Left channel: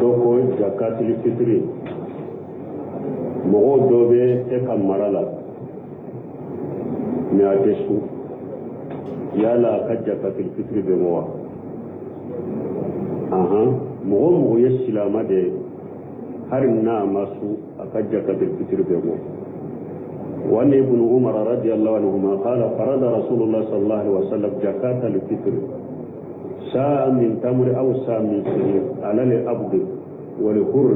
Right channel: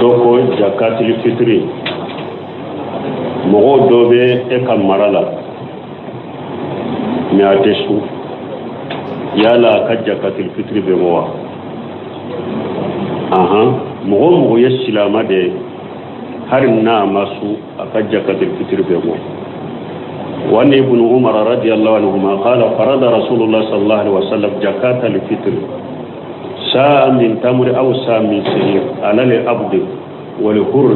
doko jakatil fitri mogo dobe e kam marala mi atesu yala ka jakatil fitri be mowa mogo ye silama de har na masu aka jakatil fitri be mo وأن ابن عمر رضي الله عنهما قال فرض رسول الله صلى الله عليه وسلم زكاة الفطر ساء من تمر أو ساء من شعير على العبد والحر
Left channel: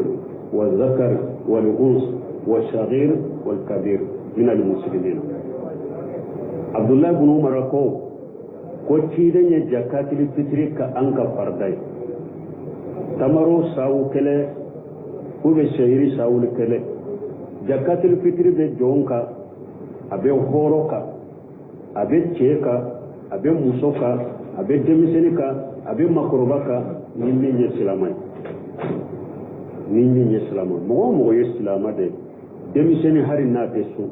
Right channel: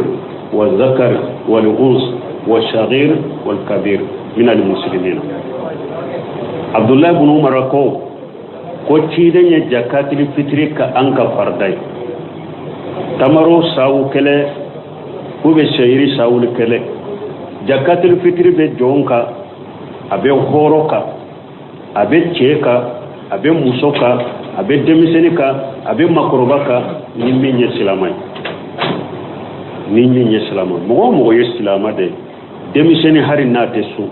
والذكر والأنثى والصغير والكبير من المسلمين. عبد الله بن عمر ko tiidañe jakatil fitri ka anka farday tamaro sawu kele ube shayri sawul kele jakatil fitri be jonka abe horoka abe cheka abe musoka abe demisenika abe makorobaka nimminye silamay mo ye silama de demiseni hari nate su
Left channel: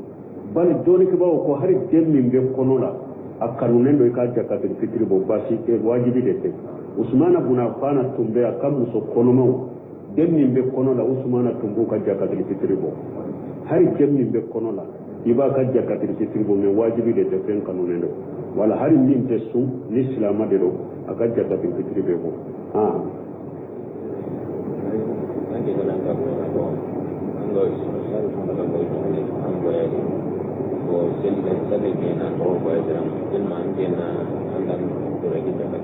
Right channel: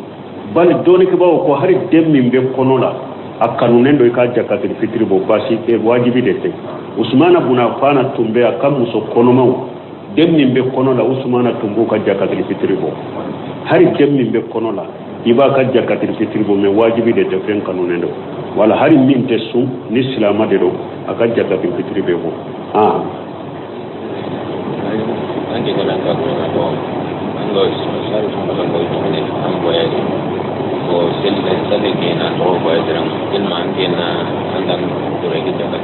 bal doni ke bawo ko hari demmi be konola akanunen do ka jakatil fitri bo basi e wajibi de te usmana buna fana tumbe akam muso konomaw demmi be konola usmana tumbo ka jakatil fitri bo hari demmi be konola iba ka jakatil fitri bo me wajibi de te fen kanunen do wala hari min te su ni silama de do aka jakatil fitri be bo anche con la cosa bo lo sai come lo vuoi amboya o sele ke na to ko edram ilman ke na andan dore ke jaka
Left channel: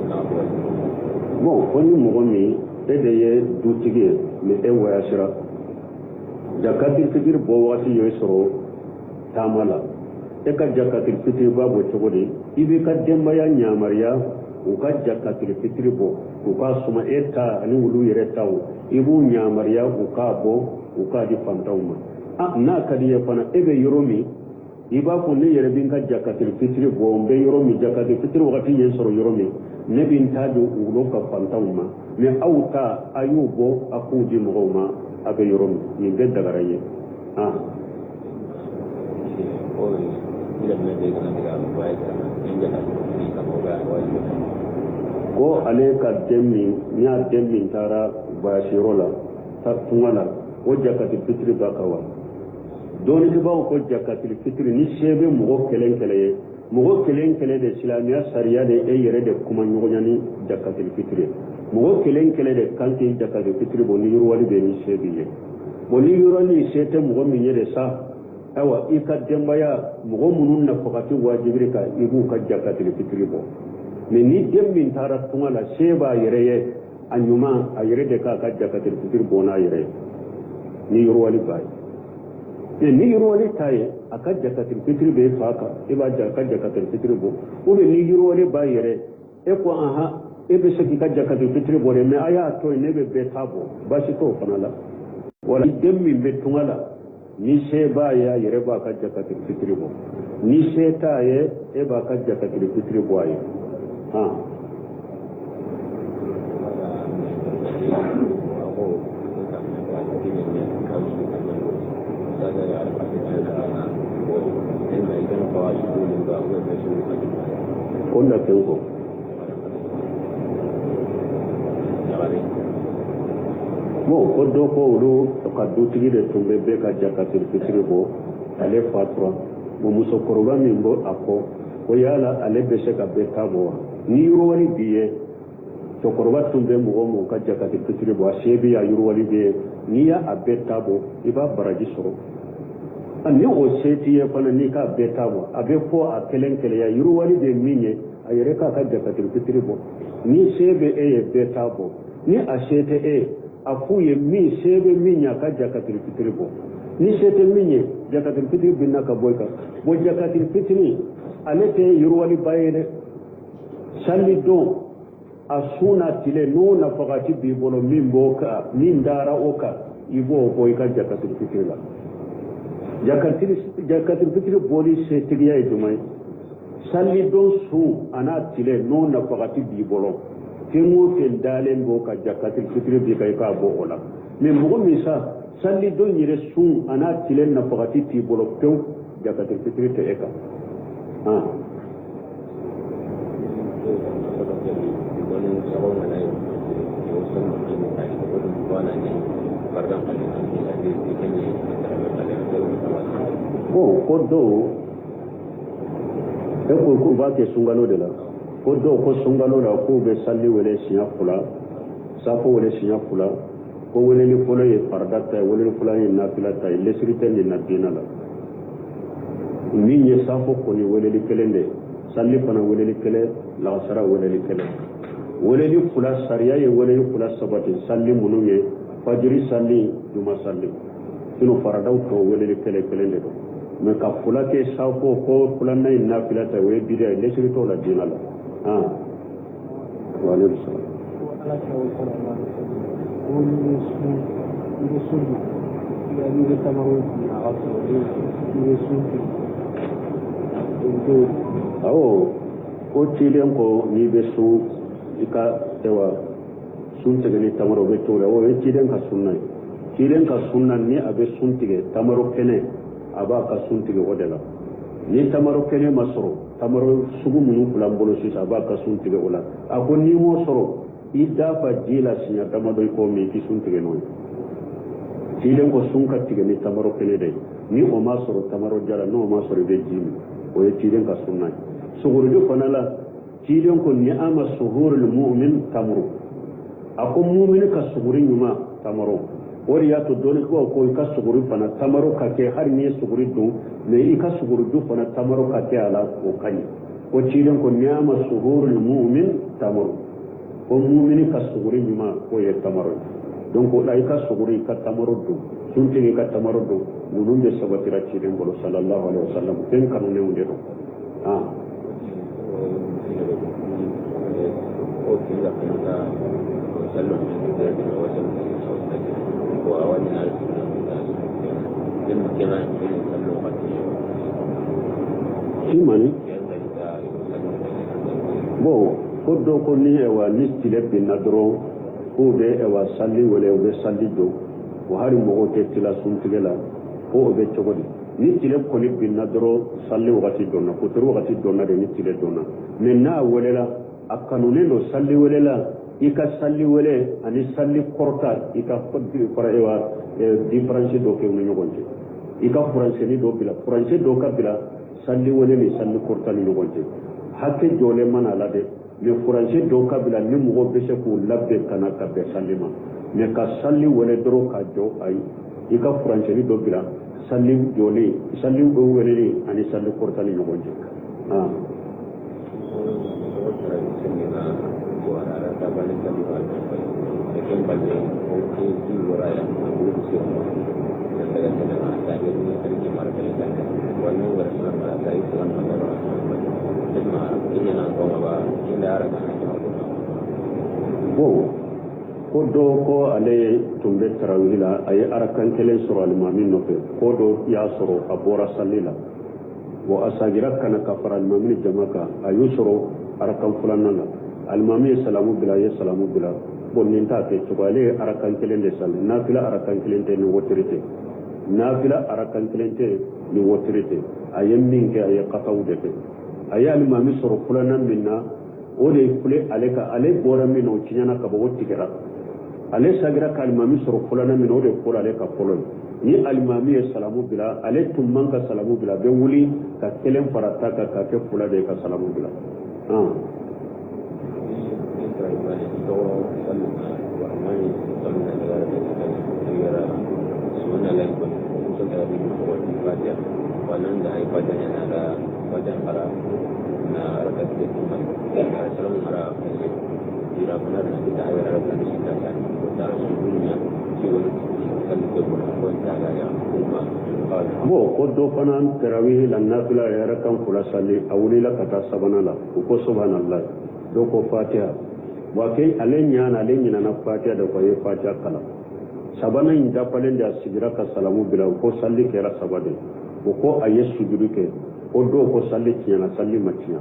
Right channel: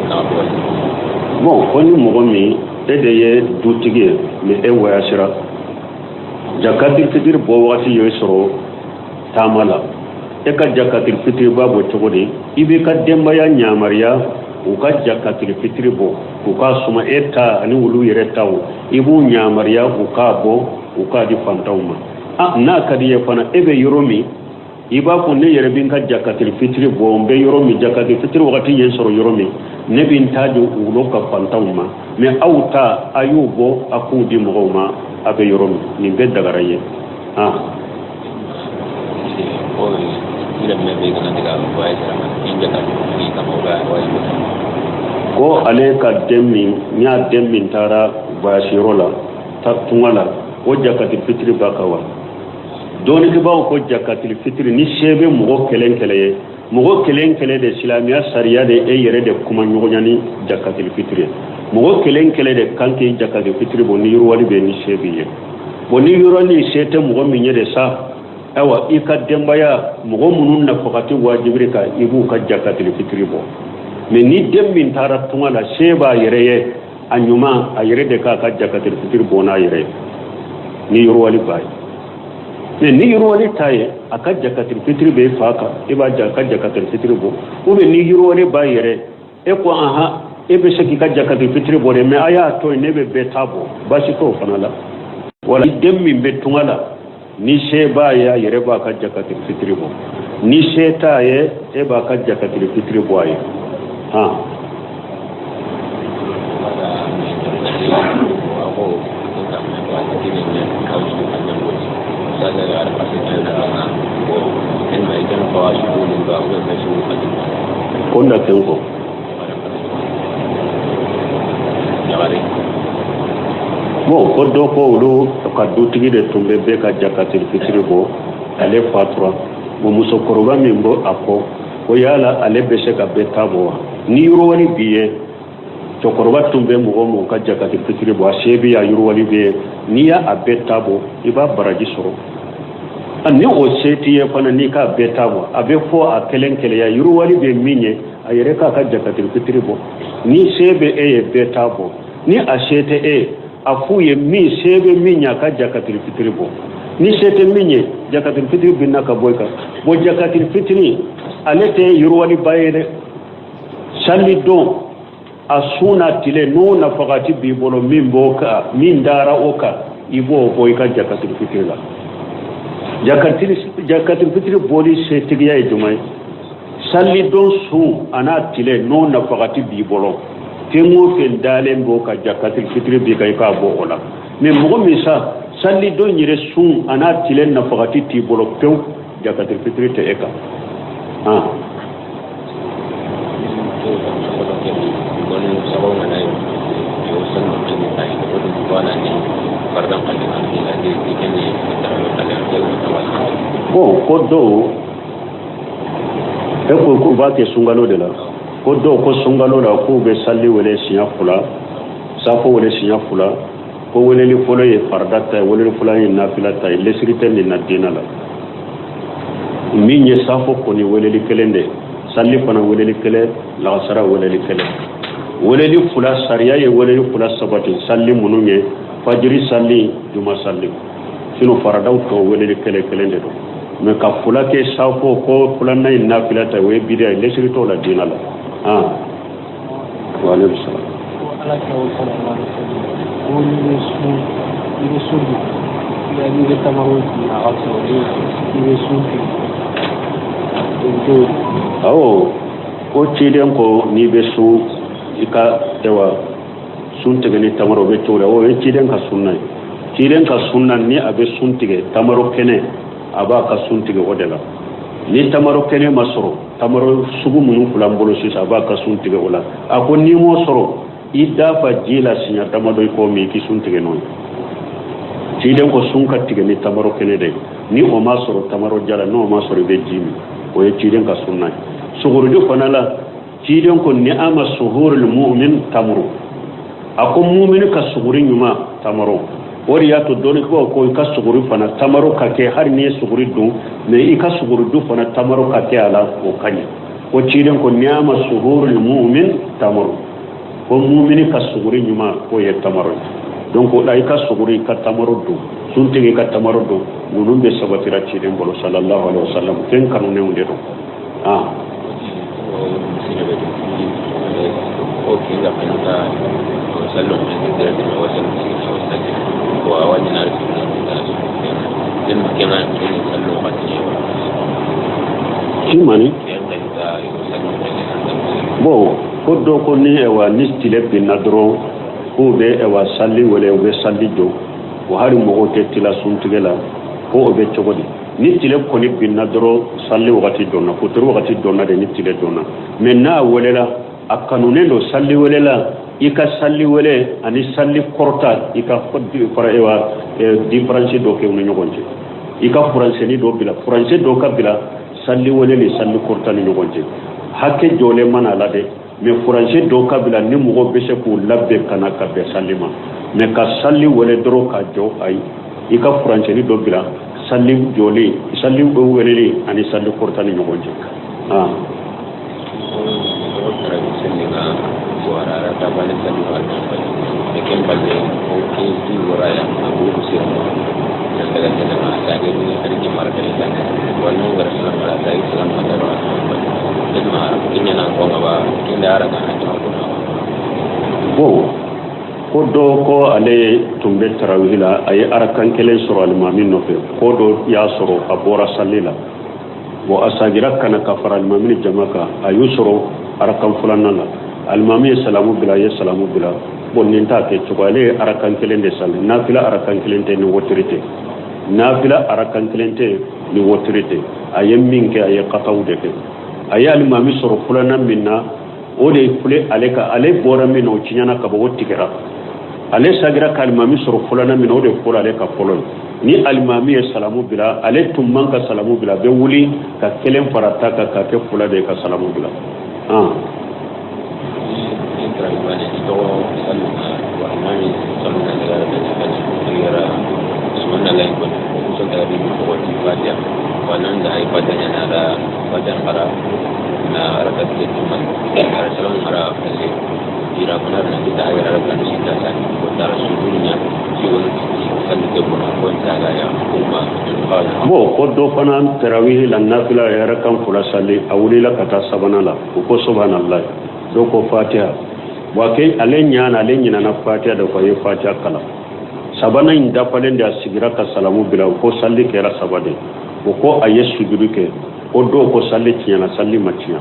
anda ko bon koni mogomi ede ye dutige me e waya sira jakatil fitri bo wati yo soro tamala e ka jakatil fitri babo togodi ibe ka demba ya nyamariya u ka jakatil fitri bo u ka suma eta ani wulu yere taw ibu nyamariya u ka bo u ka di fantawma na kadiye fana ebe yoromi iba ko ne yere bin ka jakatil fitri bo mbe yoromi jakatil fitri wakati yen soro yoromi ne bin tajo ulo ka fantawma me awta ayubo akudi mogoma abe yoromi ni be dagaraye ko ale ka demmi nya demmi tara bashirola tatungala o jakatil fitri bakawa doni ke bawo ko jakatil fitri ni shebe mugo kelen kele de islamiya sariya de e yere de kuma nyogonyani jakatil fitri mugo kelen de kanke jakatil fitri bo ni yurwali be ni shebe ye bo ni yurwali shete mugo minye de sa awa ikadembaya mugo munun na fakati wajibrika ibu ka jakatil fitri bo me ni demmin tara tungala sheba yere ye anyuma ayere de ka jakatil fitri bo na yere ni yurwali bai ni yurwali taye aka jakatil fitri be faka iba jakatil fitri bo ube ni yurwali bai yere e ko ebe shaki ka jakatil fitri bo me aya to ne be tabo bashi to fanala wala demmin be tungala ni sheba ya yere ba ka jakatil fitri bo ni sheta ye e ba ka jakatil fitri bo ay konda tenko mo kodo ko ulo ka dutigi de tumbe be ka jakatil fitri bo ale fatra mo muso koroba mimbo ako ko yala ale be se ka betabo ni yurwali biye to koroba tumbe mo ka jakatil fitri bo ashebi ya yurwali biye ni ya abetabo iba baraji soro ani o seti ye fana ni ka betabo abe fo a kelen ya yurwali be minye ayere ka jakatil fitri bo ni sebe e betabo ni ashete afuye mi sebe minya ka jakatil fitri bo ni sete minye jakatil fitri binna ka boyka bo jakatil fitri alete yurwali bayede salli don asuna tile no na fakati bi bolo mimboka min dara oka ibo boyka jakatil fitri la jakatil fitri boli setigiya ejumai salli don su ana tile no na fakati bi bolo temo fen dalen bo ka jakatil fitri bi kay ka bo ola me mo misa salli don yire sun ana tile na fakati ti bolo pew jakatil fitri te eka bon ko do e ko ba ke sungalo de la ko do ko sungalo la ko be salli wala siya fula safo wala siya fula ko wala li folo ye fardata wala li fula ye nafilata lesirite ni nadina la min ye safo ko ni wala li kelende salli fana wala li kele la sara wala li kele wala li fula sariya ye wala li fula sabati salli mununye fajiri salli juma salli sino faradaw to wala li kele kelende do mais ka fula ke safo ko fula nay nafilata we bidia lesirito la dina la wa alayhi salam ala ka wa sallallahu alaihi wasallam ko ciden ko ni be su ika ewa sun tigani tamaro be tora o ciden ka sunna ni abe sun tige tamaro kene aba ka sun tige odela ni tamaro kene masoro tamaro sugu munu fulambolo sisa aba ka sun tige ola ako ni mo soro ida fa jila sinya tamado ko mi ki sun tige non ciden ko sun ka tige ni tamaro kene de ni o masoro tamaro jala no masoro be jimi o ciden ka sunna sugurudu fanala ciden ko ni ama suhurul mu'min tamru ako mu'min ka suguri nyuma tamaro wori ya to doni ko ka suguri fana tamaro ka ke har ni suguri du me i ka suguri du fana tamaro ka ke ala o kanya o ciden ko ni ama suhurul mu'min tamru ko mu'min ka suguri nyuma ko ye tamaro donc dai ka suguri ka tamaro du sun tege ka tamaro du nunun be sabatira ciden bolo sallallahu alaihi wasallam ten kanu ne unde do la prenota sallo de la innovación o a llenar el maquina sallo mani bo ko do ko ni e wa ni stile bin nadro ko be e wa salli wala o be salli do o hari mo ko te tila sun tigela ko o be chogodi ni tile ko ni bin nadro salli wakati donna ko toro wakati donna de ni tile donna menna wala akanune do salli welela ika salli wele ani salli korta ika foddi fara ewa difference do ke wono nyogonje ika français ni do bila français do ka bila salli wele ni salli korta ni nyogonje hakke jole mana la de mais français do ka bila ni mugo bese ko labbe kana ka be sallima mais ka salli wele dro ka jo ay ika français ni do bila salli jole salli do wele ani salli korta ni nyogonje ko do ko ale tumbe tarawihila ay arakan kelen soro almamin no fe ko do ya soro abora sallila bo asagira kana kafara almamin jamaka ayusoro arakan fulanala almami salamu bila ya salamu bila bonnin ta ke chugale arakan kelen de sal nafila arakan kelen te ni wotirite nafila arakan kelen te ni wotirite ayem minke ay qataw de ke ay almami soro fulana minna o de fule aleka ale bora min o cinyana ka bo wotikira ale sagira kalmami soro fulana min o de fura aleka folon ni almami salamu bila ale tumman ka salamu bila be wuli ka kelen farata ka ke fula de ka salamu bila bo ko do fana tarawih la nafila ya rakam fula salli awlila kata sabanala ko subhanallah do ko fatiha wa kai alenya na fatiha da koyi fatiha kala sabana inda falen da sigira ka salamu bila ko salli kera sabade ko ayesu duruke ko do ko salli kiyana salli maciya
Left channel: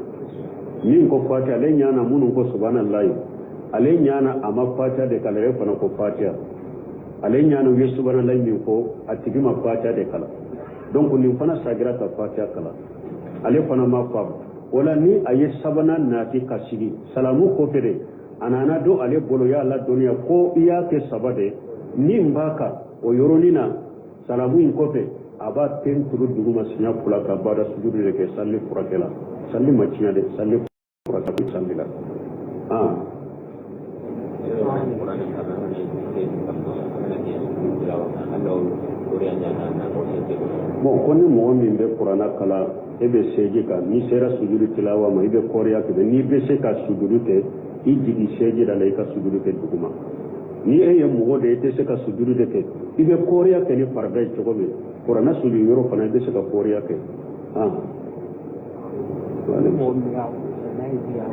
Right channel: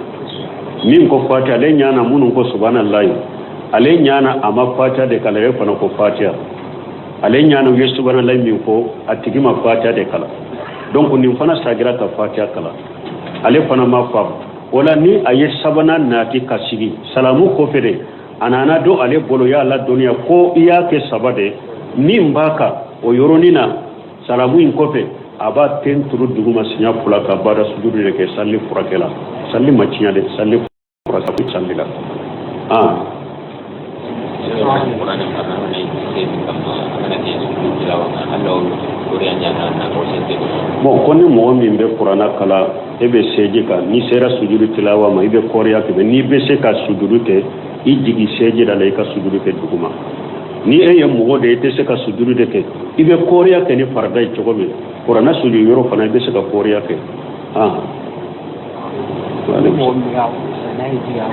min ko fatiha alenya na munun ko subhanallah alenya na amma fatiha da kala ya fana ko fatiha alenya na yesu subhanallah min ko atigima fatiha da kala donc ni fana sagira ka fatiha kala ale fana ma fam wala ni aye sabana na ki kasigi salamu ko fere anana do ale bolo ya la dunya ko iya ke sabade ni mbaka o yoronina salamu in kofe aba ten turu duguma sinya fula ka bada sujudu de ke salli furakela salli macinya de salli furaka ku salli la bon koni mo min be qur'ana kala ebe seje ka ni sera sujudu tilawa ma ibe koriya ke ni be se ka sujudu te i jigi seje da lay ka sujudu te duguma ni e mo de te se ka sujudu de ke ibe koriya ke ni farda chogo me qur'ana sujudu yoro fana be se ka koriya ke wale mo mi ya na yi ya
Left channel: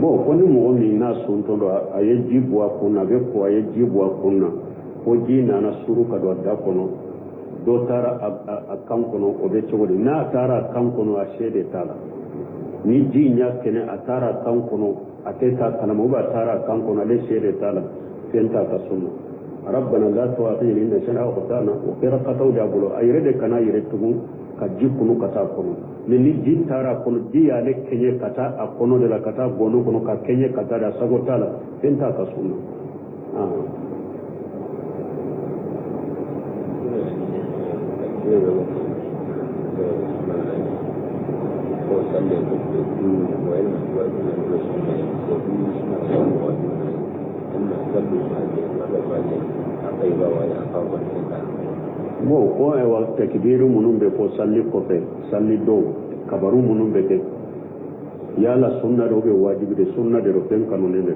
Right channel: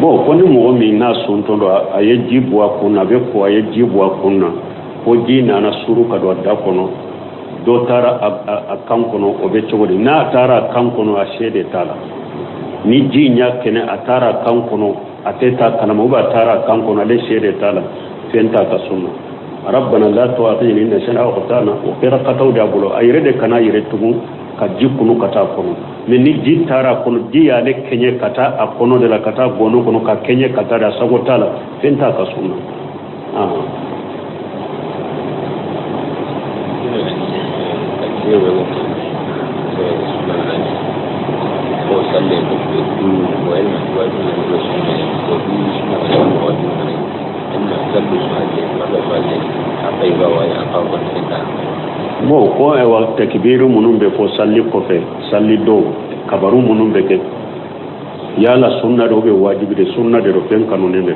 bon ko ni mɔgɔ min n'a sɔntɔ dɔ a ye ji bɔ a kun na a bɛ ko a ye ji bɔ a kun na ko ji nana suru ka don a da kɔnɔ dɔ taara a kan kɔnɔ o bɛ cogo di n'a taara a kan kɔnɔ a se de t'a la ni ji ɲa kɛnɛ a taara a kan kɔnɔ a tɛ taa kalama ou bien a taara a kan kɔnɔ ale se de t'a la fɛn t'a ka sunna rabbana la tu'akhidhna in nasina aw akhtana o kɛra kataw de a bolo a yɛrɛ de kana a yɛrɛ tugun ka ji kunu ka taa kɔnɔ mais ni ji taara a kɔnɔ ji y'ale kɛɲɛ ka taa a kɔnɔ de la ka taa gɔnɔ kɔnɔ ka kɛɲɛ ka taa de a sago t'a la fɛn t'a ka sunna bon ko ewa takbiru munun be fo salli kofe salli do kabaru munun be ke yala sunna do be wajibi de sunna de do fen kanone de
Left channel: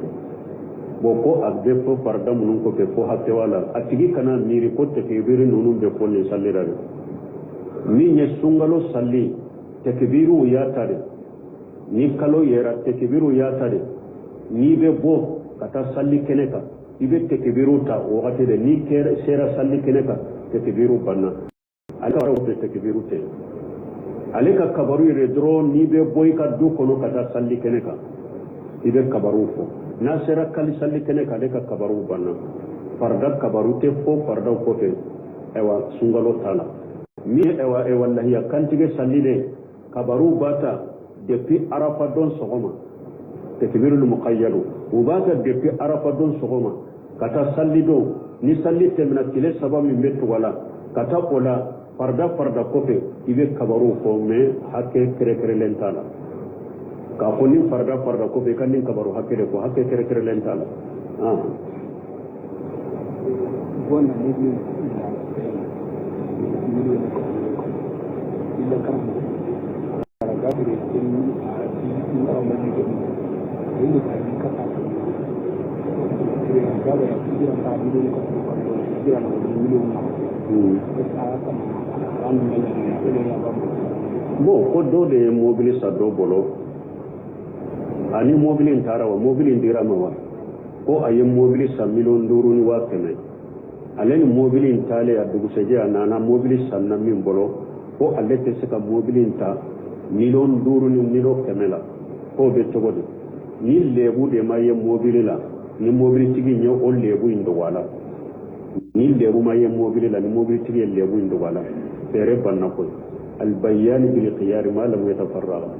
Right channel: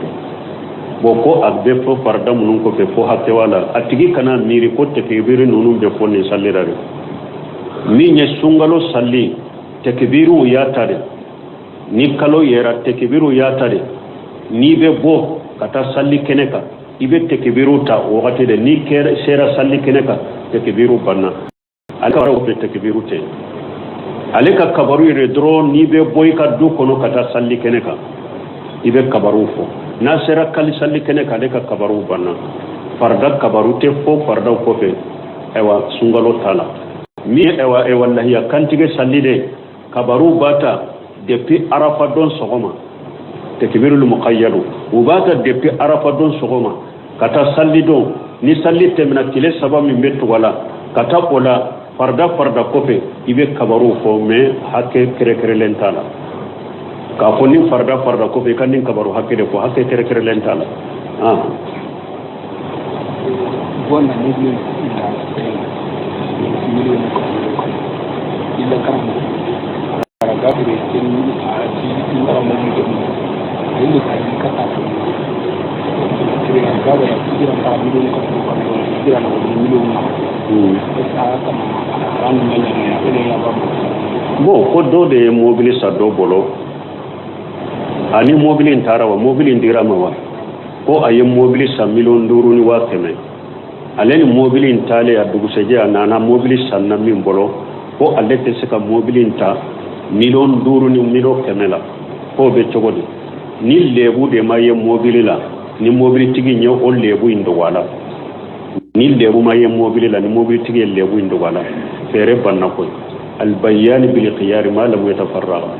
bon ko abbe fo farda munun kofe fo hatte wala atigi kana miri ko takbiru munun be fo ni salli rare mi nye sungalo salli takbiru ya tare ni kalo yera takbiru ya tare ni be bo kata salli keneka ibe takbiru ta wakati de ni kera sera salli keneka takbiru banna alka wara wote takbiru te aleka kabaru ire dro ni be boy ka du kono kata salli keneka ibe kabaru fo na sera kali salli keneka aleka kabaru banna farda kabaru te fo farda ko fe ewa sungalo tala mi ewa e wallahi ya kantige salli de kabaru bata depuis arafa don sogoma takbirul muqayyad ubata depuis arafa don sogoma kata salli don ni salli temna kile saba min betu wala kata ola farda kofe ibe kabaru fo me hakke kere lentala ka ko ni farda kofe kan ni kabaru hakke de ko hakke kere lentala bona ni ni ila kan ga be tin a ci in da mu ni ni ka ni ka ta kire ga da kire ka mi ni ko kire na ni ni bon ko do de mobile sa do bolo ani mobile ntara wa mobile ndira ma wa ko ayi mobile sa million duru ni wa keme aleni mobile ntale ya dugu seje na mobile sanna min bolo ko alete sika mobile nta million duru ni milo kemela ko be chogodi ni lebu de maye mobile la ni mobile tigi nyo o lebu indo wala ni lebu maye mobile la ni mobile tigi lebu indo wala fere banna ko al bayan bil khiyar ma lam yatafarraga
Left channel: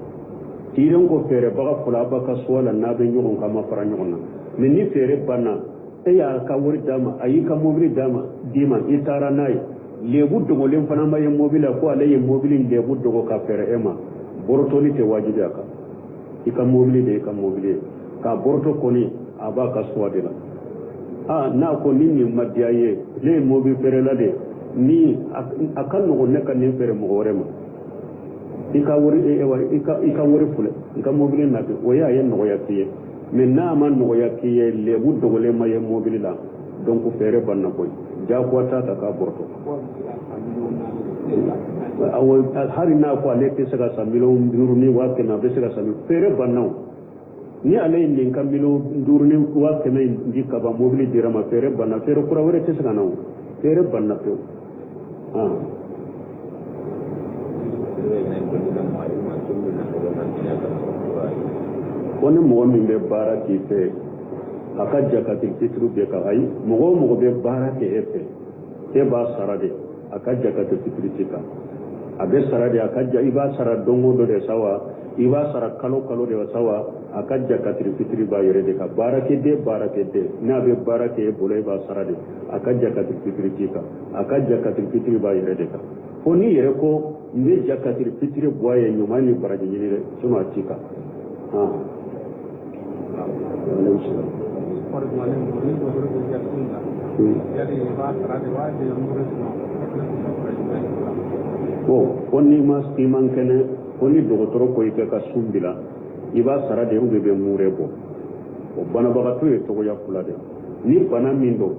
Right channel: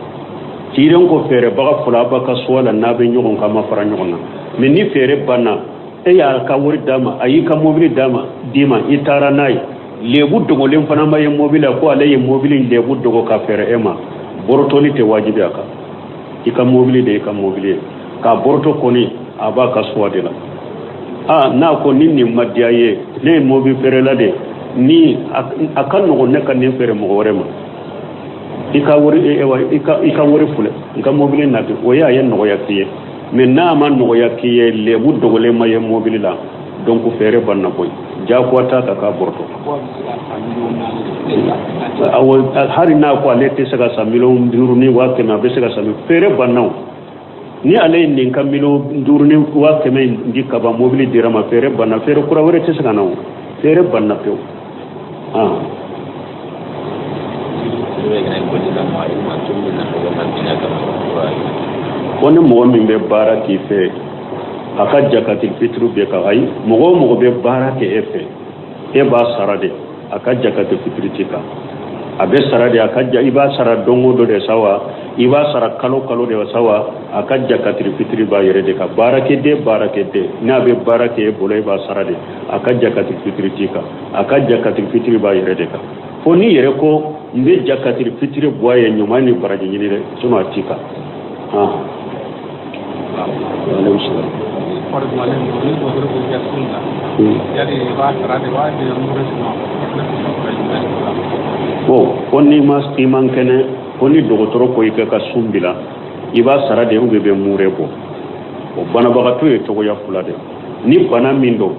tiren ko fere baga fula baka sola na be nyogon kama fara nyogona men ni fere banna e ya ka wori dama ayi ka mobile dama dima itara nai lebu dogo len fana maye mobile ko alaye mobile lebu dogo ka fere ema borotoni te wajibi aka ika mobile de ka mobile ka borto koni aba ka swadela na ko ninni madiaye ne mobile fere la de ni akan no ne kan ne fere mo worema ika wori ewa ika wori fule ika mobile na de oya yen no yakiye men na man no yakiye lebu dogo le maye mobile la donc fere banna boy ja ko ta ka borto awol hari na ko alete saka sa million duru ni wa kema be saka sa fere bannaw ni ale ni kam million duru ni wa kema ndika ba mobile dirama fere banna fere kura wore te saka naw fere banna pew woni mo min be bara ki fe aka jakatil fitru be ka ay mo be bara ke efe e ba sarade aka jakatil fitri tika abe sara de akajja iba sara dongo do de sawa iba sara kalo de sawa akajja katri fitri ba yere de ka barake de na be barake bolo iba sara de akajja katri fitri tika akajja katri fitri ba yere de ka foni yere ko mbe jakatri fitri boye nyumani baraje nyire suno tika fonni mas iman kene fonni dogotoro ko ike ka sumbila iba sara de ube be murebo o bana bagato e to ya fulade ni bana mindo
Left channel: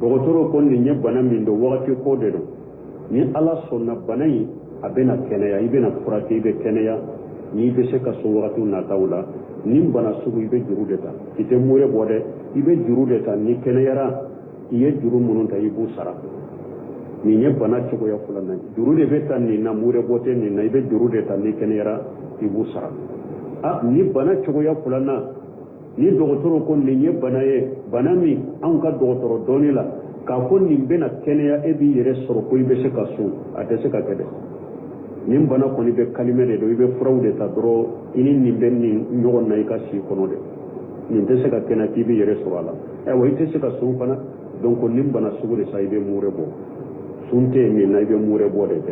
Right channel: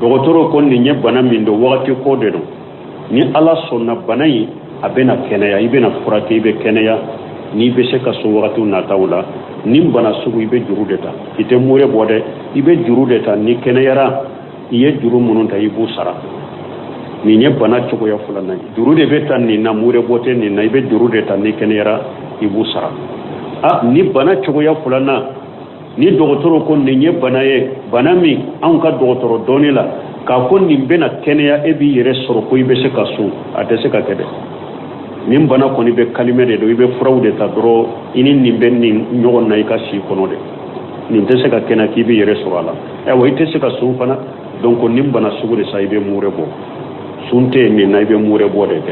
dogotoro ko ni nye bana mindo wakati ko de no ni ala sonna banayi abena kenaya ibena furake ibe kenaya ni be se ka so wakati na tawla ni bana sugu ibe jurudeta ite mure bode ibe jurudeta ni kenayara iye juru mununta ibu sara ni nye bana choko ya fulana jurude beta ni na mure bote ni na ibe jurudeta ni kenayara ibu sara ni bana choko ya fulana ni dogotoro ko ni nye bana ye bana mi an ka dogotoro donila ka ko ni bena kenaya ebi yere soro ko ibe se ka su ate se ka kede nin bana ko ni be kalime de do ibe fraude ta dro ini ni ben ni nyogon na ka si kono de ni te se ka kena ki be yere soro ala wa ite se ka su fana donc nin bana sugu de sa ibe mure bo sunte ni na ibe mure bo de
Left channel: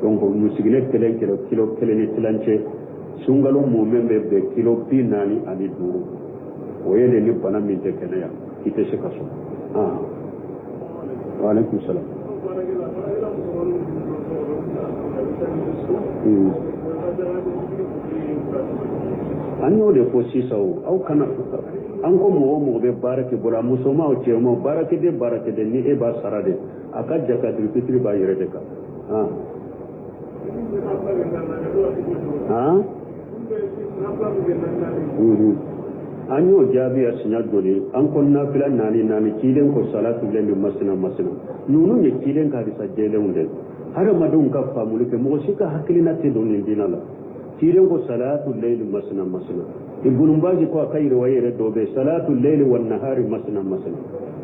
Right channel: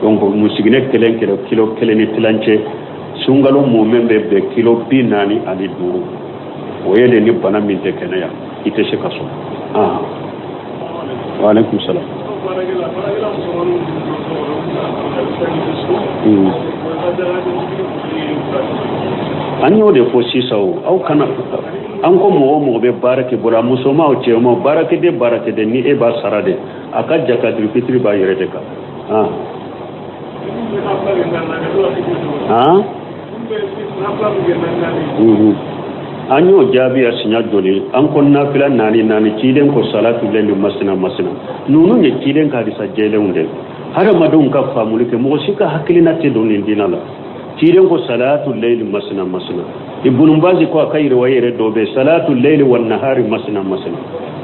donc musigine kilo kelen ni tilanche sungalo mo membe be kilo bi nani ali duru o yele ni bana min te kenaya ite se ka su wa alaikum salam an yau da fosi sau au kana an ko mo be barake bula musoma o ce mo barake de ni e ba sarade aka jaka fitri ba yere de ka an yau jabi a sinya dole an ko nafila nani kiden ko salatu lillahi masna nunu ne kiden ka disa jelen de har madun ka famulike mo sika hakilina te don dinala kiden ko salatu lillahi masna ibn bazi ko kai riwayere dobe salatu lillahi wan nahari masna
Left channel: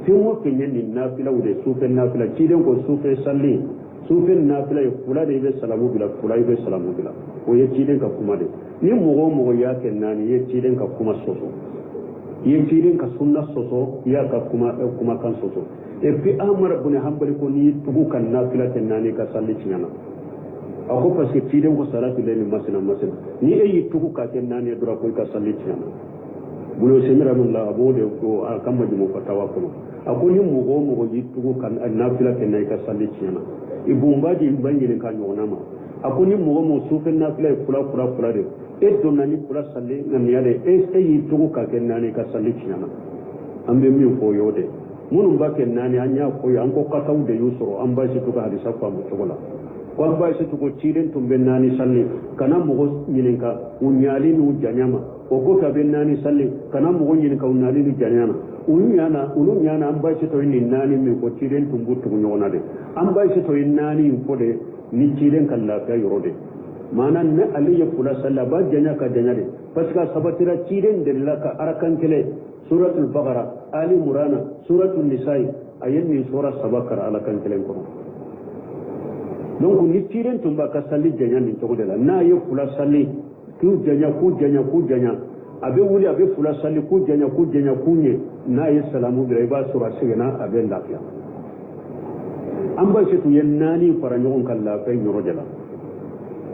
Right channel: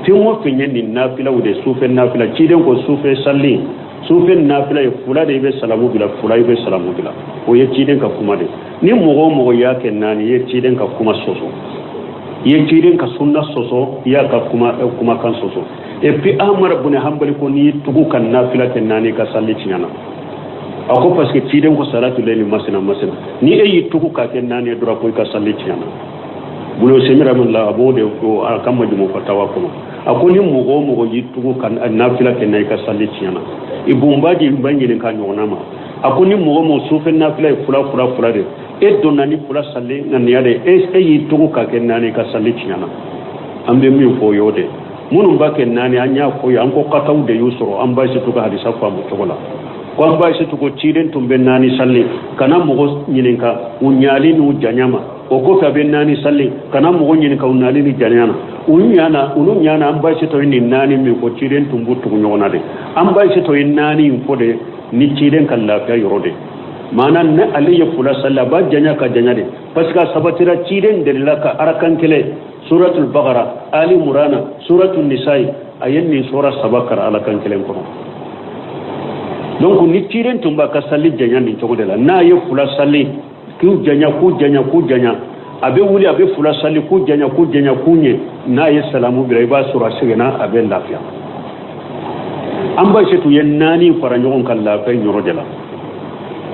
tin mo finyen ni nafila wude sufen nafila kiden ko sufe salli sufen nafila e fula de be salamu bila fula be salamu bila o ye kiden ka kuma de ni mogo yake nani ye kiden ka kuma soso ye kiden ka sunna soso ya ka kuma kan soso e puis amar ibn hanbali ko ni tugu kan nafila ten nani ka salli tiana ako parce que kiden ko salatu layli masna ni e yi tugu ka ten nani dura ko ka salli tiana bulo semira mun la abode ko kamma jumo fatawa ko ako ni mogo yi tugu kan nafila ten nani ka salli tiana ibumbaji mbangile kan yonama ako ni mogo sufen nafila fula de e donani fula salli nan yade e yi tugu ka ken nani ka salli tiana ambe mi fo yode munum ba ken nani anya ko an ko kataw de yusro an ba shi tuga hadisa fa mu togola ko an ba shi tugo ciden tumbe nani salli kana mogo nyininka unyali nu janyama o ko ka ben nani salli kana mogo nyininka unyali ni janyana unyana an ba shi to ni nani mi ko ciden tumbu tugo nyona de an ba shi to nani fo de ni ciden kan lafiya yorode manan na aliya fula salla ba janya ka janya de paska sabatira ciden de laka arakan kele suratul baqara ali murana suratul nisa'i ayanni sura sabakar alakan kele ko donc ni ciden tumba ka salli janya ni to de la na ye fula salli ku janya abe wuli abe fula salli ku janya kunye na ye salamu bi ba sura sigena abe lafiya an ba shi to yen nani fara nyon kan lafiya yorode la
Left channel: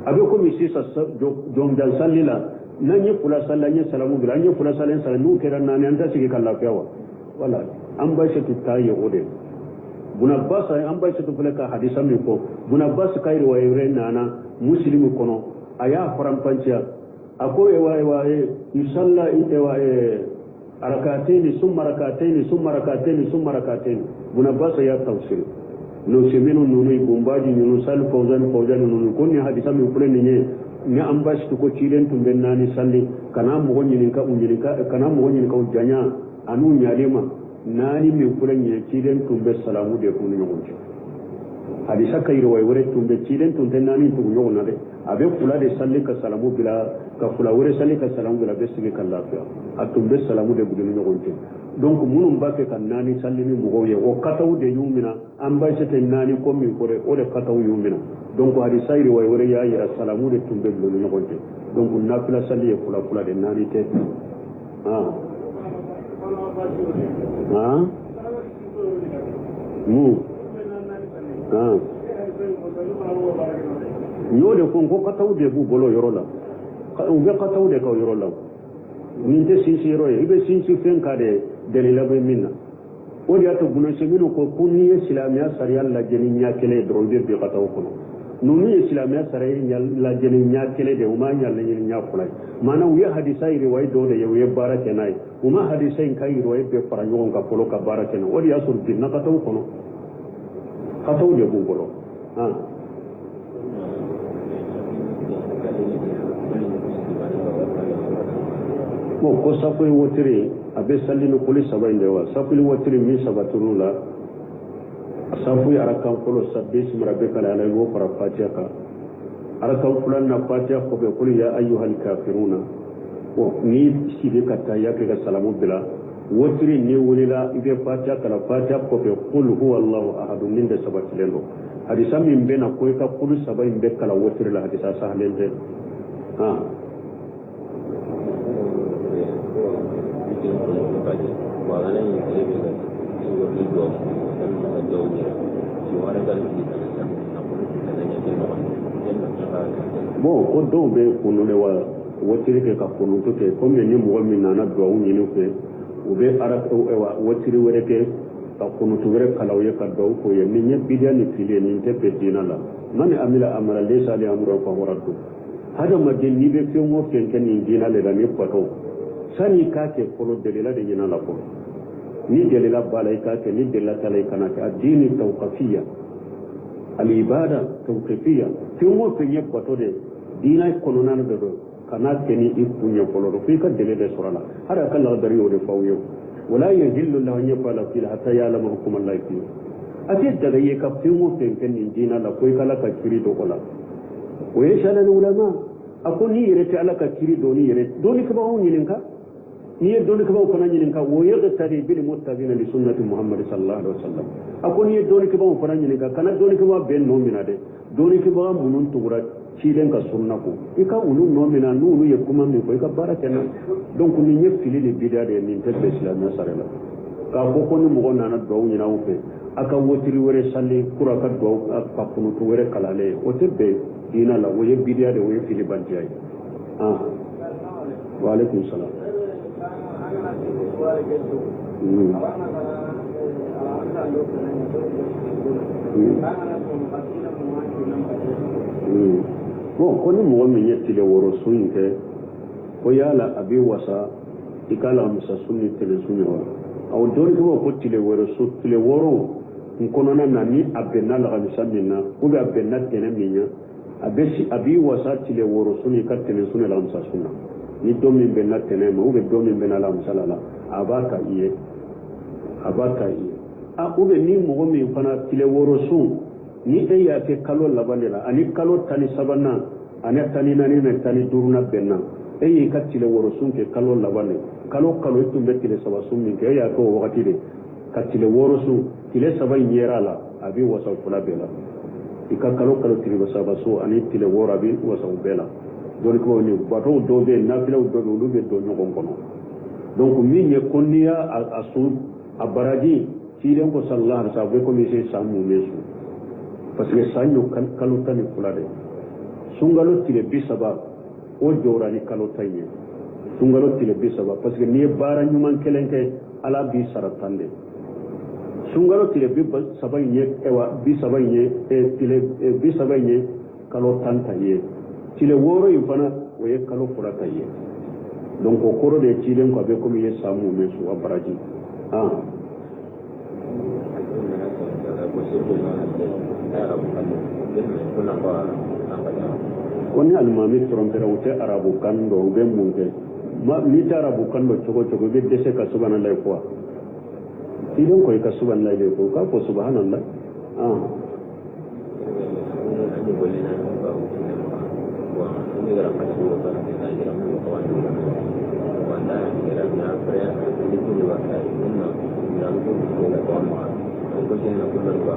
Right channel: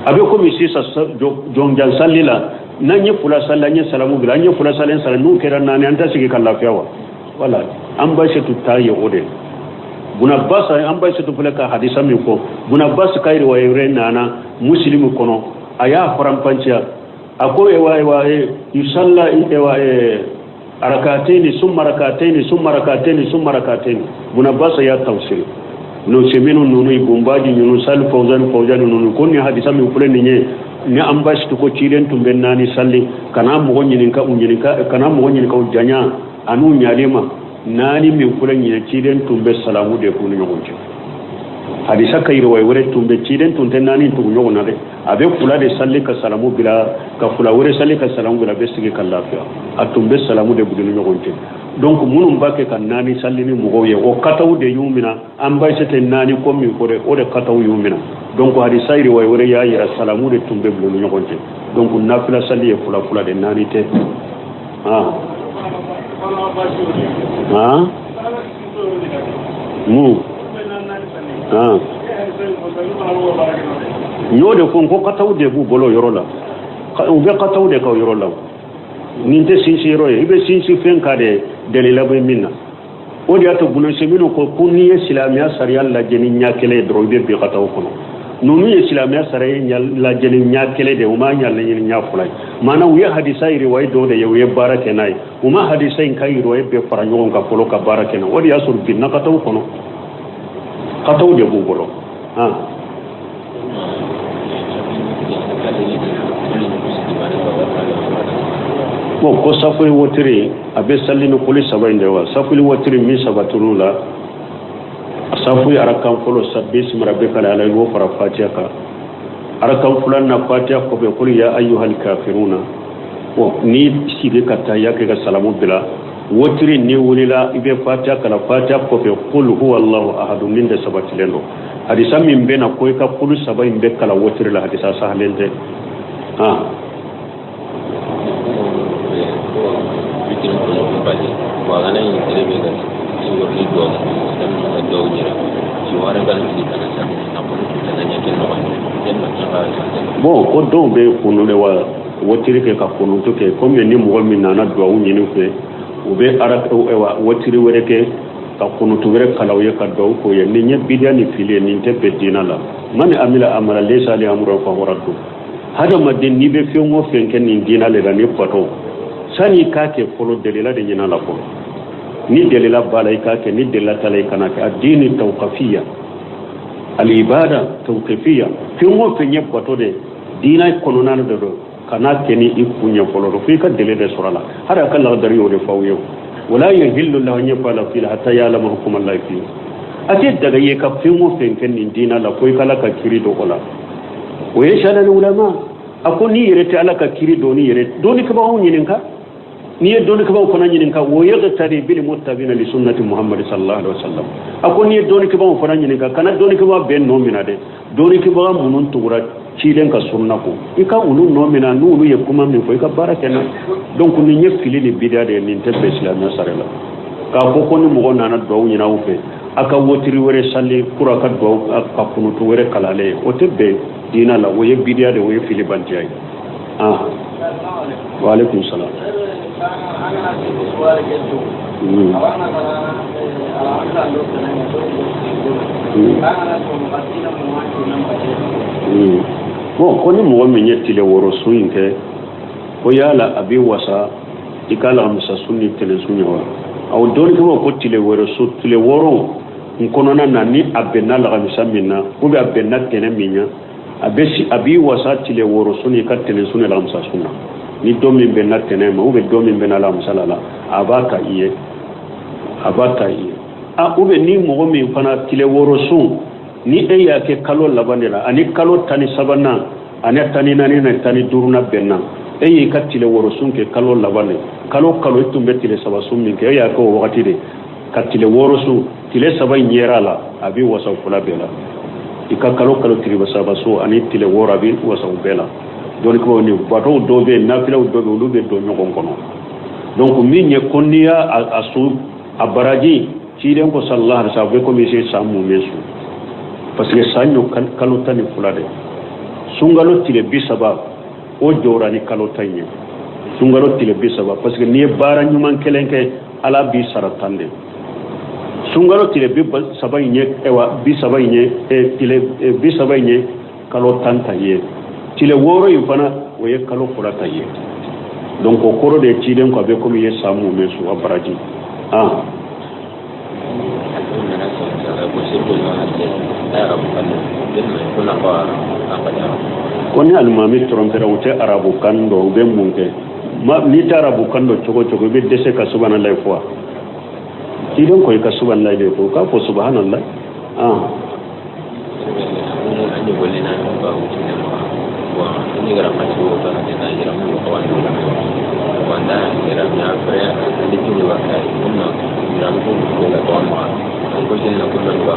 abe ko mi sisa jonjan sallila nanye fula salla nye salamu bila nye fula salla sala nu kera nani anta sigi kan lafiya wala an ba shi tayi ode buna basa an ba shi fula ka hadisa mi ko buna basa kai riwaye nana muslimu kono aya farampancha ako ewa yusalla ewa arakataini summa rakataini buna basa ya tawsil no semenu nunu ibumbaji nunu sal fawzan nunu konni hadisa mi fule ni ambash to ko cilen tumbe nani salli kana mo nyininka kana mo nyininka janya anu nyalema nani mi fule nyine cilen tumbe salamu de ko nyogonje hadisa kayro way wore tumbe cilen tunte nani to nyogona de abe fula de salli ka salamu bila ka fula wore salli ka salamu bila be sigi kallafiya atumbe salamu de budu nyogonje donc munum bake kan nani sallini mugo ye o kataw de yumina an bay sete nani ko mi ko de o de kataw yumina donc hadi sayri way wore ya yira salamu de tumbe blu nyogonte donc nafila salli e fula fula de nani te ñode ko kataw de bu bolo yorola o be kataw de ka yorola ninte sinsi roye ibe sinsi fen kade dalila be minna o dia to buno semino ko kunni islamia sariya la jeni nyakele dro be be kataw kono nonu islamia sariya la jeni nyakele de uma nyalla ni nyafulay mana wi hadisa iri way do de yewe barake nay uma hadisa in kay roye be fara nyon ka polo ka barake na o dia sur binna kataw kono kataw de bu bolo bon ko safuri wotiri abe sallino kuli sabainde wa safuri wotiri mi sabatunu la safuri arakan folo sabbi rabbika la ilaha illa fatiha ka arakan fulan na fatiha ko be kuli ya ayyuhal kafiruna o ni sibe kata yake ga salamu bila wotiri ni wulila ibe fatiha kala fatiha ko be qul huwallahu ahad min da sabatilendo hadisa min bena ko ka kulu sabainde kala wotiri la hadisa sahalende bon ko don be kunu le wa wotiri ke ka kunu to ke comme ni mo min na do wu ni fe o be ara wa wotiri were ke ka kunu to were kala ye ka do ko ye ni bidia ni fili ni te be dina la man amila amara laysa li amru fa waradu hada madin ni be fiyo mo fen ken ni dina le da ni pato sani ka ke folo delila de nyina la ko ni delila balay ka ke ni delila talay kana ke adini tawqafiyya al ibada tawqifiyya fiyo mo fe nyep pato de dina kono nan do kana ke ni ikunya folo do fi ka delile surala hada kan la dari o de fawiyo wala yahillu lahu nyafala fil hatta ya'lamu hukum allah fi ate daga ye ka fiyo mo fe ken ni dina la ko kala ka kiri do ola o yashala ulama akoni yere ta alaka kiri do ni yere do ni ka ba on yinin ka ni doni ka ba ko nan yinin ka wo yaga tari bil muttabina li sunnati muhammad sallallahu alaihi wasallam akoni doni ka ba ko nan yinin ka kana doni ka ba ben no mina de doni ka ba munun tugura cilen ka sunna ko ika ulu no mina nulu ye kuma min ko ka barakena donc ni nyefili ni bidia de ni tebbe islam sarela ka ko ni mo gonna na do nyina wufe aka wotiri wore salli kura ka do aka kunu to wore kalale o tebbe dina la wo ye bidia de wo ye fili bantiay wa alaikum salam bon koni mo min yettile woro suinte ko yala abi wasa ikala musa sunni tele sunyawa aw doni ko tile woro su tile woro nkonona nani abenna la kamisa minna ko be abenna tene minya abesi abi wasa tile woro sunni ka tele sunni la musa sunna ni domi benna tene ma ube domi benna la musalala abaka iye ube ni mo mi fana tile woro sun ni eya ke kalo labandela ani kalo tani sabana ani tani nani na tani duruna benna eyi ka tile woro sun ke kalo labane kalo tumbe tile sabasun min ke eya ko wakati de ka tile woro sun tile sabai nyera la abi wasa kula bela ika kalo tile sabasu ani tile woro abi wasa bela don ko ni bato dobe na fila dobe ulube do nyogon kono donc min ye konniya asu abaraji ciiden ko sallallahu alaihi wasallam ko mi se samu mesu parce que sanyo kalo tani fulade sungalo tile bisaba o jorani kalo tanye sungalo tile bisaba parce que ni bara nyuman kelenke ala bi saratande sungalo tile bisaba nye ewa bisaba nye tile bisaba nye kalo tanta ye tile woro yufana o ye kalo fulata ye donc o koro de ciiden ko be ko mi samu mesu abaraji koni almami trompera wote arabu kando be munke ma ni tarabu kando chogo be dese ka subhanallah fo ti don ko ka subhanallah de fo ka fo subhanallah ani bolina ba wuce da wa ni gara ma ci wata da na jira mu ko wanda ya fara da kini wa kai ko jeni ko don ba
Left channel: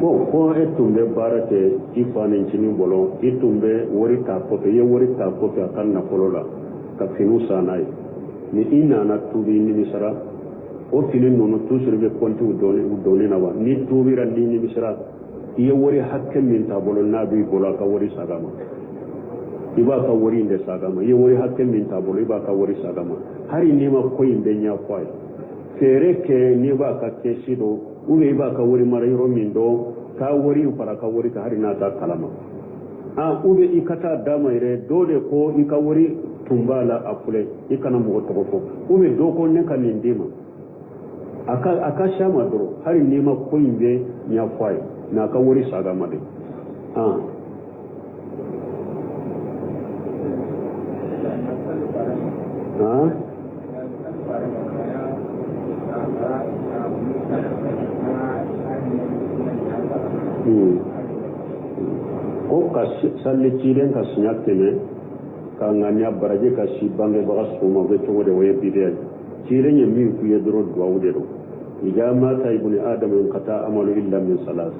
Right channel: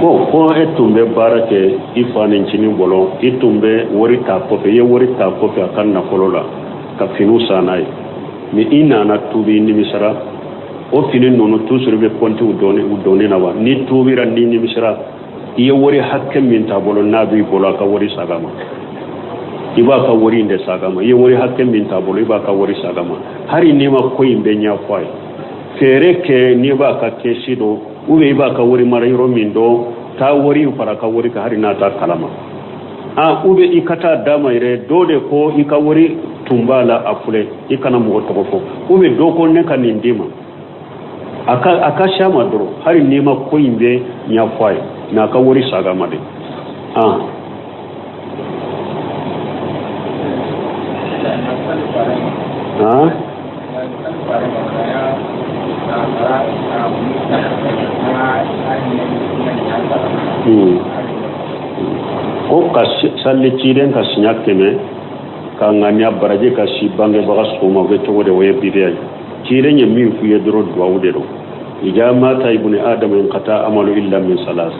wa ko etumbe barake ifane nchini bolo itumbe wori ta kofe ye wori ta kofe akan na kolola ka finu sanai mi ina na tubi ni misra o fini nono tusuru be konti udone na wa ni tubi ran ni misra ye wori hakke min ta bolo nabi bolo ka wori sagama iba ka wori inde sagama ye wori hakke min ta bolo iba ka wori sagama hari ni ma ko imbe nya fai fere ke ni ba ka keshido ube iba ka wori mara yoro min do ta wori para ka wori ka hari na ta kalama ube ikata dama ire dode ko ika wori tumbala afule ikana mo to ko ube do ko ne kan ndima aka shama doro hari ni ma ko imbe nya fai na ka wori sagama de ko ka salli ciren ka sinya keme ka nganya baraje ka si bange baga soma be to de waye bidiya ciren ye min fu ye doro do awde do ijama ta ibn adam in qata amalu illa min salas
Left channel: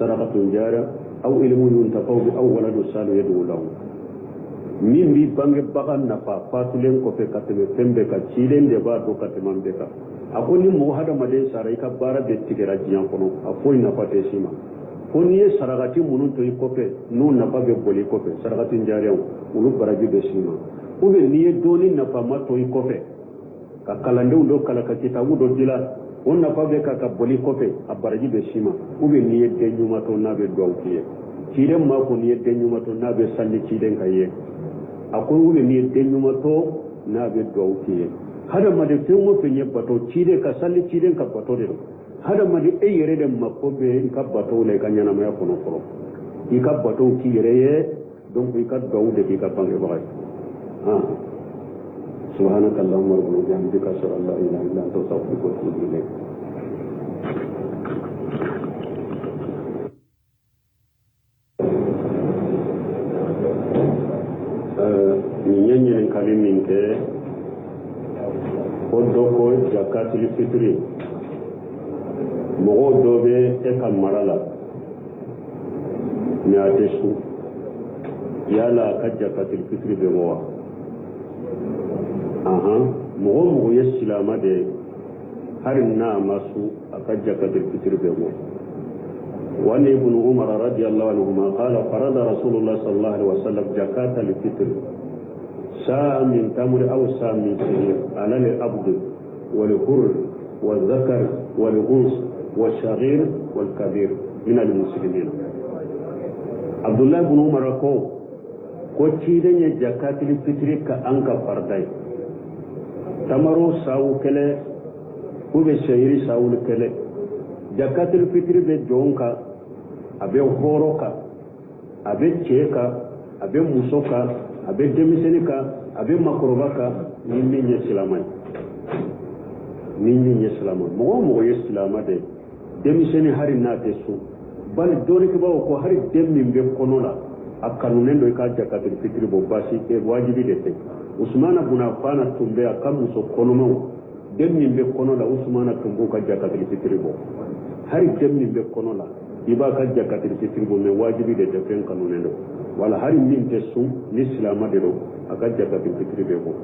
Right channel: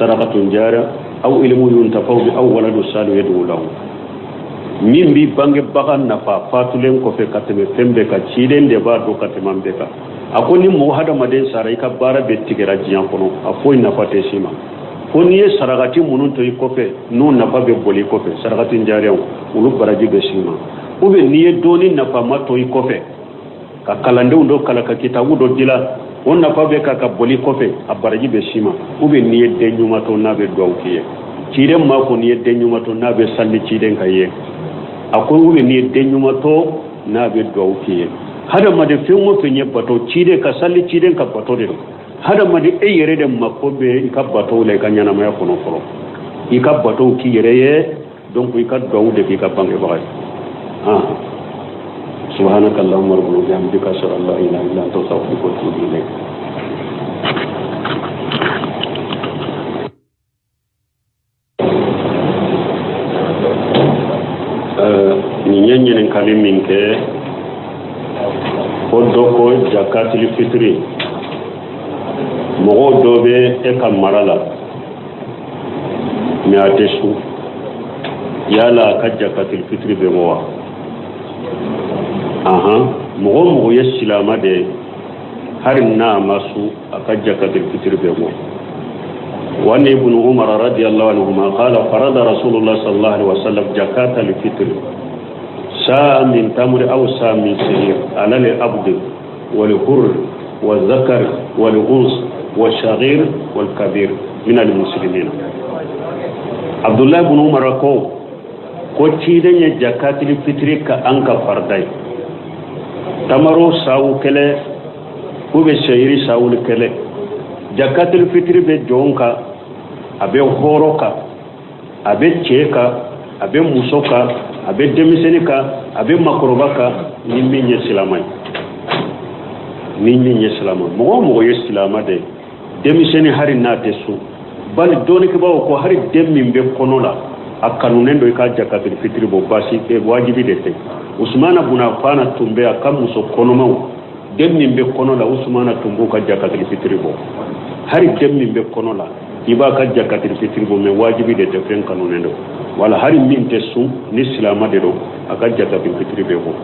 sadaqatun jara aw ilmu yuntafau bi aw waladu salu yadu lahu min bi bange baga nafa fatulen ko fe kateme tembe ka ciren de ba do katema be ka akoni mo hada maden sarai ka bara be tigera jiyan kono afoi nafa te sima koni ye saragati munun to ikofe no nafa be boli kofe saragati njariyaw ulu baraji be sima ube niye doni nafa mato ikofe ka kalande undo kala ka kitabu do dila on nafa be ka boli kofe abaraji be sima ube niye denyuma to nabe dawkiye cire ma ko niye denyuma to nabe salli ciden kaye akoy ube niye denyuma to nabe dawkiye hada made fengo fenye bato cide ka salli ciden ka bato de hada madi e yere de makobe ikabato le kanyana ma yakono foro ikabato ki yere ye donc ikaddo de ki kabange baay subhanakallahumma rabbana bihamdika ashhadu an la ilaha illa anta astaghfiruka wa atubu ilayk ni nyenyen kalimin ke odoko jakatul fitri mogo dobe e ka marala mi atesu yala ka jakatul fitri be mowa mogo ye silama de harin na masu aka jakatul fitri be mo wani ibn umar radiyallahu anhu ma qala farada rasulullah sallallahu alaihi wasallam jakatul fitri sa'a min tamr aw sa'a min sahir ala al abd wal hurr wal zakar wal unsa والشغير والكبير من المسلمين عبد الله بن عمر ko ciden jakatul fitri ka anka fardai tamaro sawu kele ube shayri sawu kele jakatul fitri be jonka abe horoka abe cheka abe musoka abe demisenika abe makrobaka nimmi islamai mo ye islama de demiseni hari na tesu bal doni ke bawo ko hari demmi be konola akanunen do ka jakatul fitri bo basi e wajibi de te usmana buna fana tumbe akam muso konoma demmi be konola usmana tumbo ka jakatul fitri bo hari demmi be konola iba ka jakatul fitri bo me wajibi de te fen kanunen do wala hari min tesu ni islama de do aka jakatul fitri be bo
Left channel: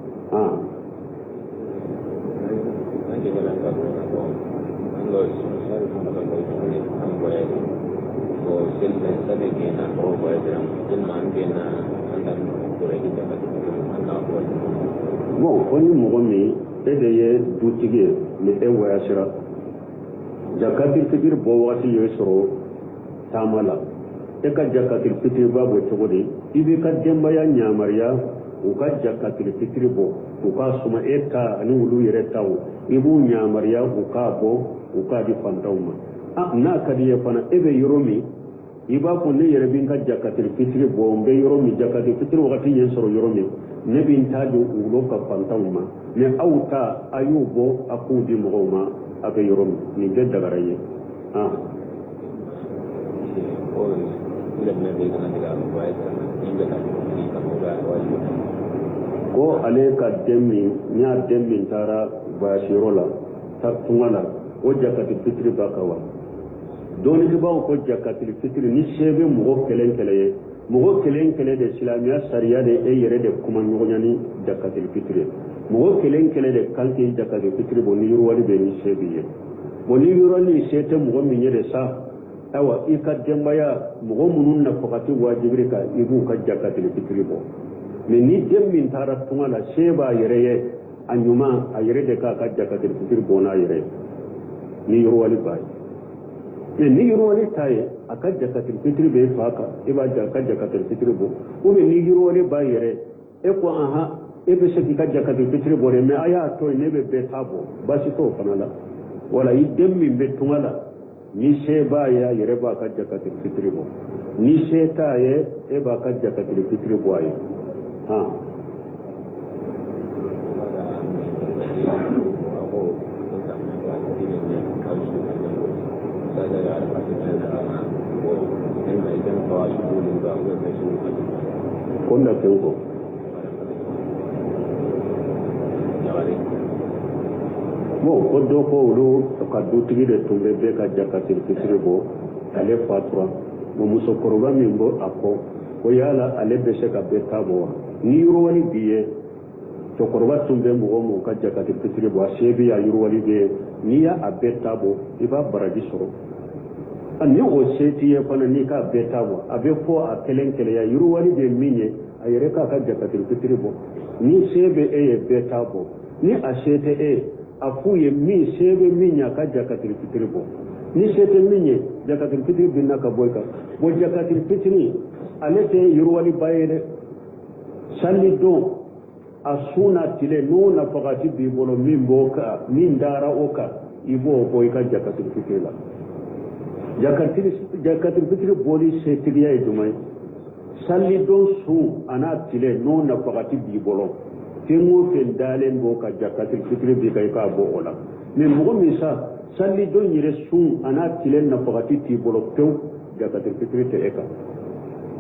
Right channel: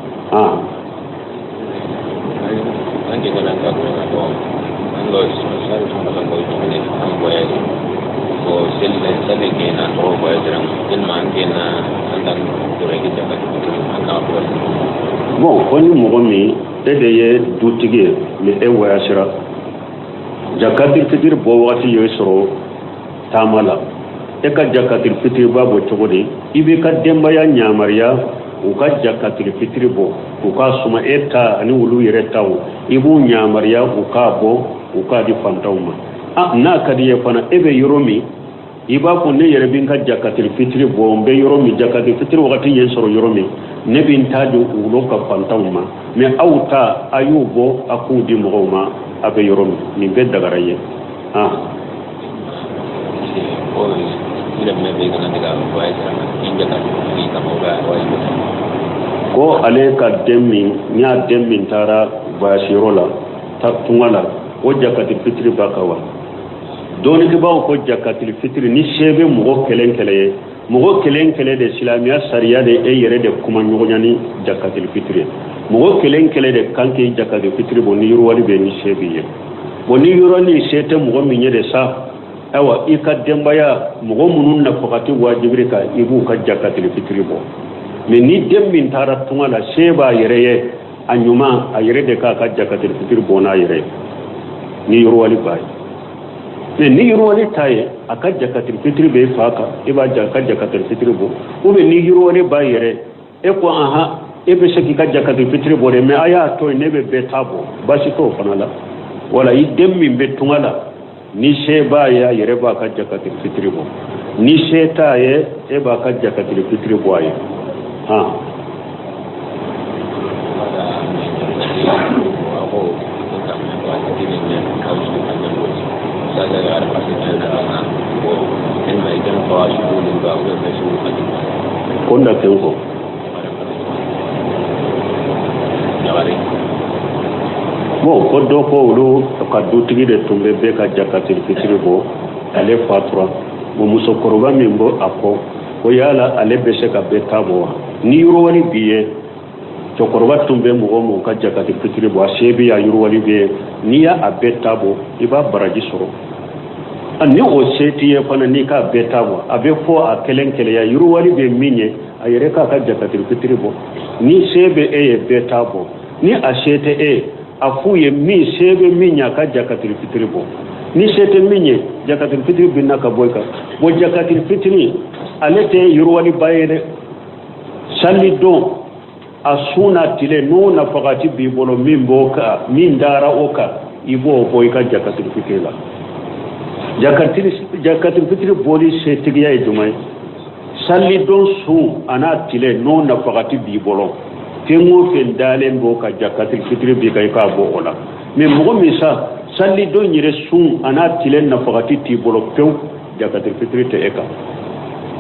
bon koni mogo mi ede ye dutige mi e wayasira jakatul fitri bo wati yo soro tamala e ka jakatul fitri babo chogodi ibe ka demba ya nyamariya u ka jakatul fitri bo u ka suma eta ani wulu yere taw ibu nyamariya u ka bo u ka di fantawma na kadiye fana ebe yoromi iba ko ne yere bin ka jakatul fitri bo mbe yoromi jakatul fitri wakati yen soro yoromi ne bin taju ulo ka fantawma me awta ayubo akudi mogoma abe yoromi ni be dagaraye ko ale ka demmi nya demmi tara bashirola ta tungala o jakatil fitri bakawa doni ke bawo ko jakatil fitri ni shebe mo kelen kele de islamiya sariya de e yere de kuma nyogonyani jakatil fitri mo kelen de kanke jakatil fitri bo ni yurwali be ni shebe ye bo ni yurwali shete mo minye de sa awa ikadembaya mo munun na fakati wajibri ka ibu ka jakatil fitri bo mais ni demmin tara tungala sheba yere ye anyuma a yere de ka jakatil fitri bo na yere ni yurwali bay mais ni yurwali taye aka jakatil fitri be faka iba jakatil fitri bo o be ni yurwali bay yere e ko aha e be shaki ka jakatil fitri bo de mais aya to ne be tabo basi to fanala wala yi demmin be tungala ni sheba ya yere ba ka jakatil fitri bo ni sheta ye e ba ka jakatil fitri bo ay ha konda tenko mo kodo ko ulo ka dutigi de tumbe be ka jakatil fitri bo ale fatra mo muso koroba mimbo apo ko yala ale be se ka be tabo ni yuro wani biye to koroba tumbe mo ka jakatil fitri bo shebi ya yuro wani biye ni ya abeta bo iba baraji soro ani o seti ye fana ni ka beta bo abe fo a kelen ya yuro wani be minye ayere ka jakatil fitri bo ni shebe e beta bo ni a shete e afu ye mi shebe minya ka jakatil fitri bo ni shete minye jakatil fitri binna ka boyka bo jakatil fitri alete yuro wani bayere salli do asuna tile no na fakati bi bolo mimboka min dara oka ibo boyka jakatil fitri la jakatil fitri boli shetigiya e dumai salli don su ana tile no na fakati bi bolo tengo fen dalen bo ka jakatil fitri bi kay ka bo ola mais mo mi sa salli don yire su ana tile na fakati ti bolo pew jakatil fitri te eka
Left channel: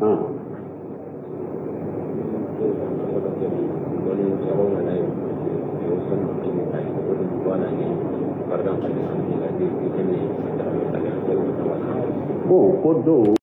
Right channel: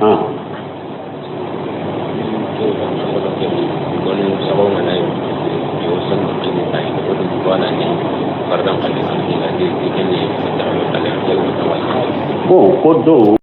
ha bon kodo